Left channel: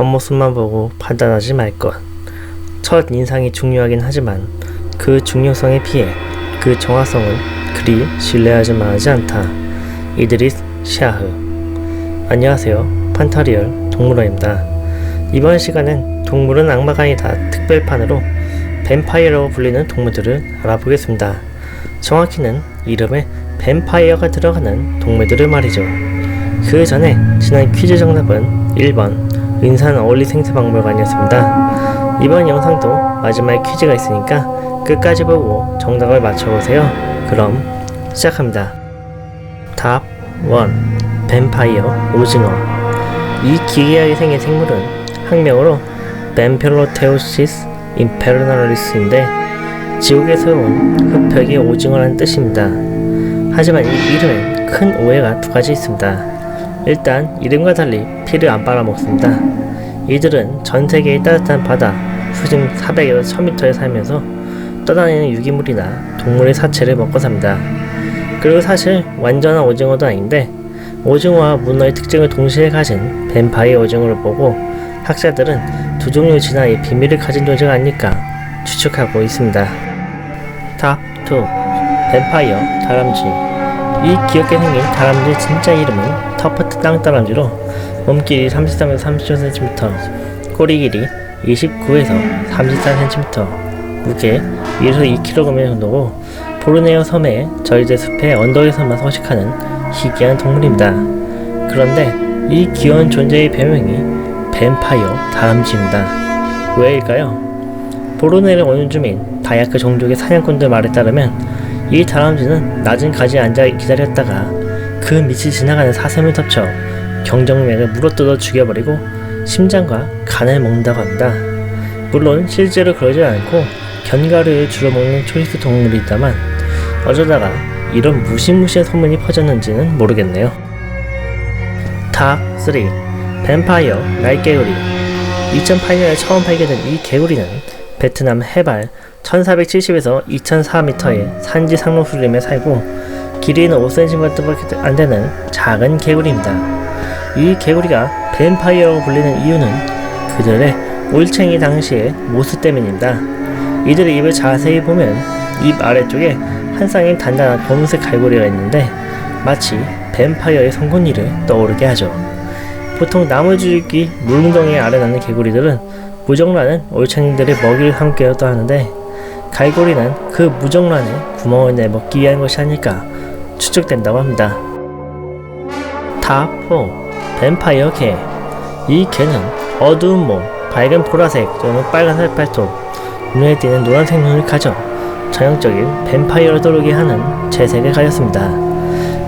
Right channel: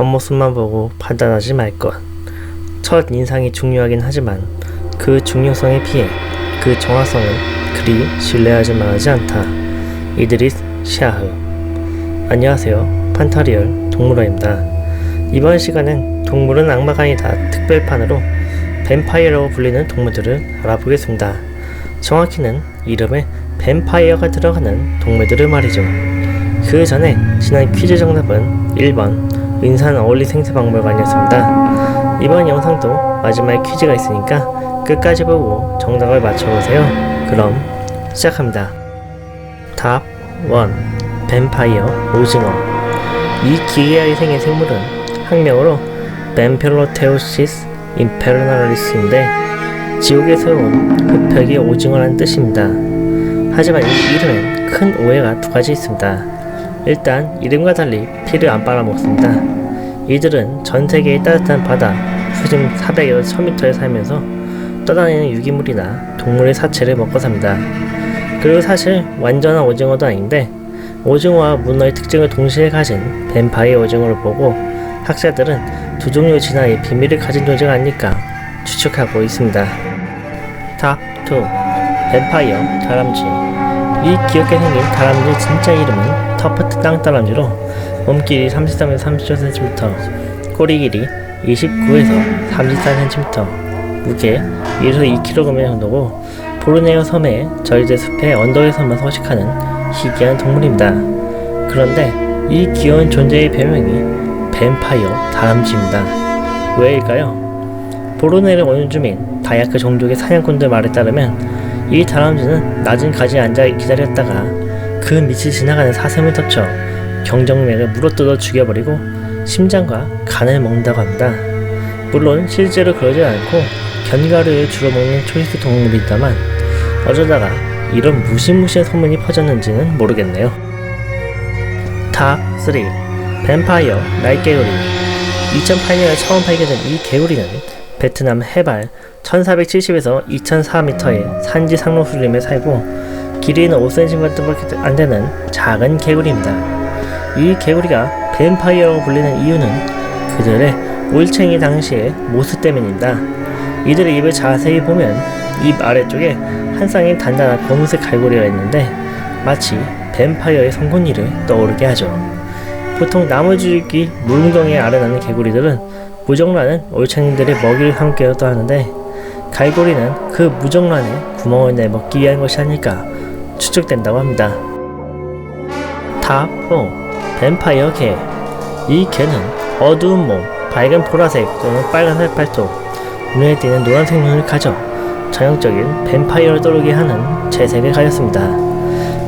겉모습만 보고 판단하지 말 것. 첫 인상이 중요하긴 하지만 그 중요성에 비해 그 정확성은 그리 신뢰하지 만하지 않다. 이드리스 샤흐. 안녕하세요. 판타리얼 동물원입니다. 이번 시간엔 동물은 악마가 아니다 특별판으로 뱀파이어라고 불리는 동물들을 알아보겠습니다. 정확히는 이름에 뱀파이어가 들어가는 동물들을 말이죠. 그 전에 지난 퀴즈 정답은 1번 은산 어울리 생태박물관이었습니다. 이번 영상도 마지막에 퀴즈가 있으니까 끝까지 보고 정답을 맞춰보세요. 그럼 시작합니다. 답 1. 뱀파이어 오징어 이 기괴하게 생긴 생물은 학명으로 뱀펠로테오시스 임페르나리스인데 지옥에서 온 흡혈귀 오징어라는 뜻입니다. 하지만 이 이름엔 큰 오해가 두 가지 있습니다. 일단 이름과 달리 피를 안 빨아먹습니다. 이들은 전 세계의 따뜻한 바다 수심 400에서 1000m에 살면서 떠다니는 유기물이나 동물의 사체를 먹고 삽니다. 그리고 사실 완전한 오징어도 아닌데 오징어와 문어의 특징을 동시에 가진 뱀파이어 오징어를 보고 학자들은 두 종류 진화의 비밀을 가진 존재가 아닐까 추측하고 있습니다. 탑 2. 뱀파이어 다람쥐 이 귀엽게 생긴 다람쥐의 진짜 이름은 터프트 땅다람쥐로 몸길이 33에서 35cm, 꼬리 길이 29에서 34cm, 무게 1에서 2kg 정도고 보르네오 섬의 저희들 숲의 언덕에서만 서식하는 희귀한 동물입니다. 그런데 이 귀여운 존재의 별명이 뱀파이어 다람쥐입니다. 왜일까요? 보르네오 원주민 다야크 종족의 사냥꾼들 말에 따르면 이 다람쥐는 낮은 가지에 앉아 기다렸다가 그 밑을 지나가는 사슴을 덮쳐 경정맥을 물어뜯어 죽여버리고 심장과 간을 먹는다고 합니다. 물론 실제로 그러지 않고 견과류를 주로 먹는 초리스 동물이다만 어쩌다가 이런 무시무시한 소문이 퍼졌는지는 모르겠네요. 탑 3. 뱀파이어 날개구리 2008년에 처음 발견된 이 개구리는 베트남 해발 1470에서 2004m의 산지 상록수림에 살고 길이는 5cm밖에 안 되는 작은 개구리입니다. 이 개구리가 뱀파이어라고 불리는 이유는 그들의 올챙이 당시의 모습 때문입니다. 이들의 입을 자세히 보면 입 아래쪽에 한 쌍의 단단한 검은색 갈고리가 있는데 마치 뱀파이어의 송곳니를 떠오르게 하죠. 보통 나무줄기 물웅덩이에 아래 나는 개구리들은 무정란은 올챙이들의 먹이를 삼기도 하는데 갈고리는 그 무정란에 구멍을 내먹기 위한 것이 아닐까 추측된다고 합니다. 탑 4. 뱀파이어 개. 이 개는 어두운 몸, 밝은 보라색 또는 빨간색 발톱, 눈에 띄는 노란색 눈을 가져 전형적인 뱀파이어를 떠오르게 하는 채색을 가졌습니다.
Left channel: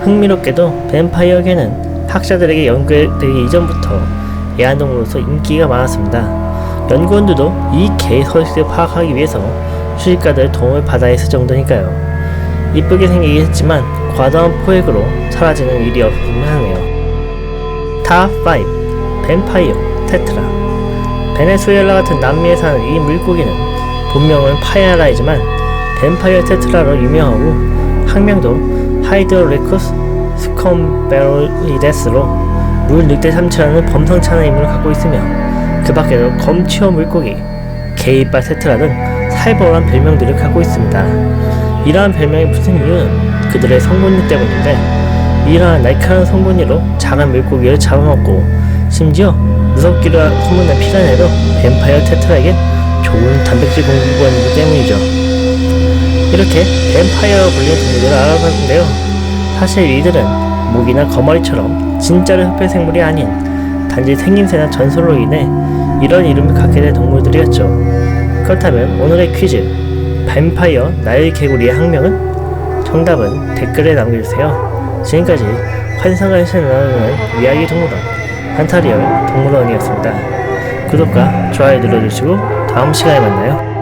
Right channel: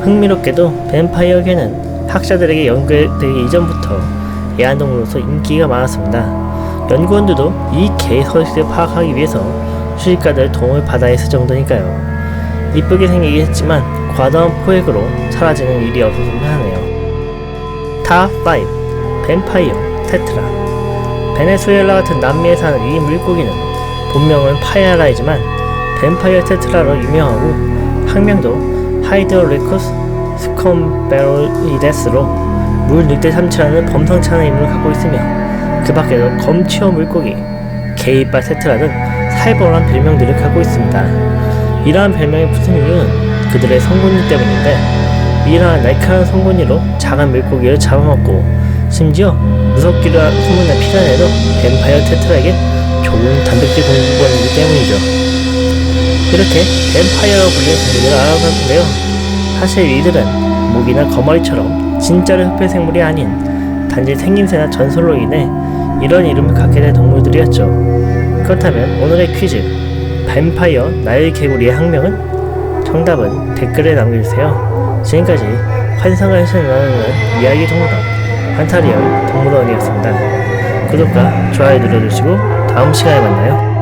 흥미롭게도 뱀파이어 개는 학자들에게 연구되기 이전부터 애완동물로서 인기가 많았습니다. 연구원들도 이 개의 서식을 파악하기 위해서 수집가들의 도움을 받아야 했을 정도니까요. 이쁘게 생기긴 했지만 과다한 포획으로 사라지는 일이 없었으면 하네요. 탑5 뱀파이어 테트라 베네수엘라 같은 남미에 사는 이 물고기는 본명은 파야라이지만 뱀파이어 테트라로 유명하고 학명도 하이드로레쿠스 스콤베로이데스로 물 늑대 삼치라는 범상치 않은 이름을 갖고 있으며 그 밖에도 검치어 물고기, 게이바 테트라 등 살벌한 별명들을 갖고 있습니다. 이러한 별명이 붙은 이유는 그들의 송곳니 때문인데 이러한 날카로운 송곳니로 작은 물고기를 잡아먹고 심지어 무섭기로 소문난 피라냐도 뱀파이어 테트라에게 좋은 단백질 공급원이기 때문이죠. 이렇게 뱀파이어라고 불리는 동물들을 알아봤는데요. 사실 이들은 모기나 거머리처럼 진짜로 흡혈 생물이 아닌 단지 생김새나 전설로 인해 이런 이름을 갖게 된 동물들이었죠. 그렇다면 오늘의 퀴즈 뱀파이어 나일 개구리의 학명은? 정답은 댓글에 남겨주세요. 지금까지 환상을 나누는 이야기 동물원 판타리얼 동물원이었습니다. 구독과 좋아요 눌러주시고 다음 시간에 만나요.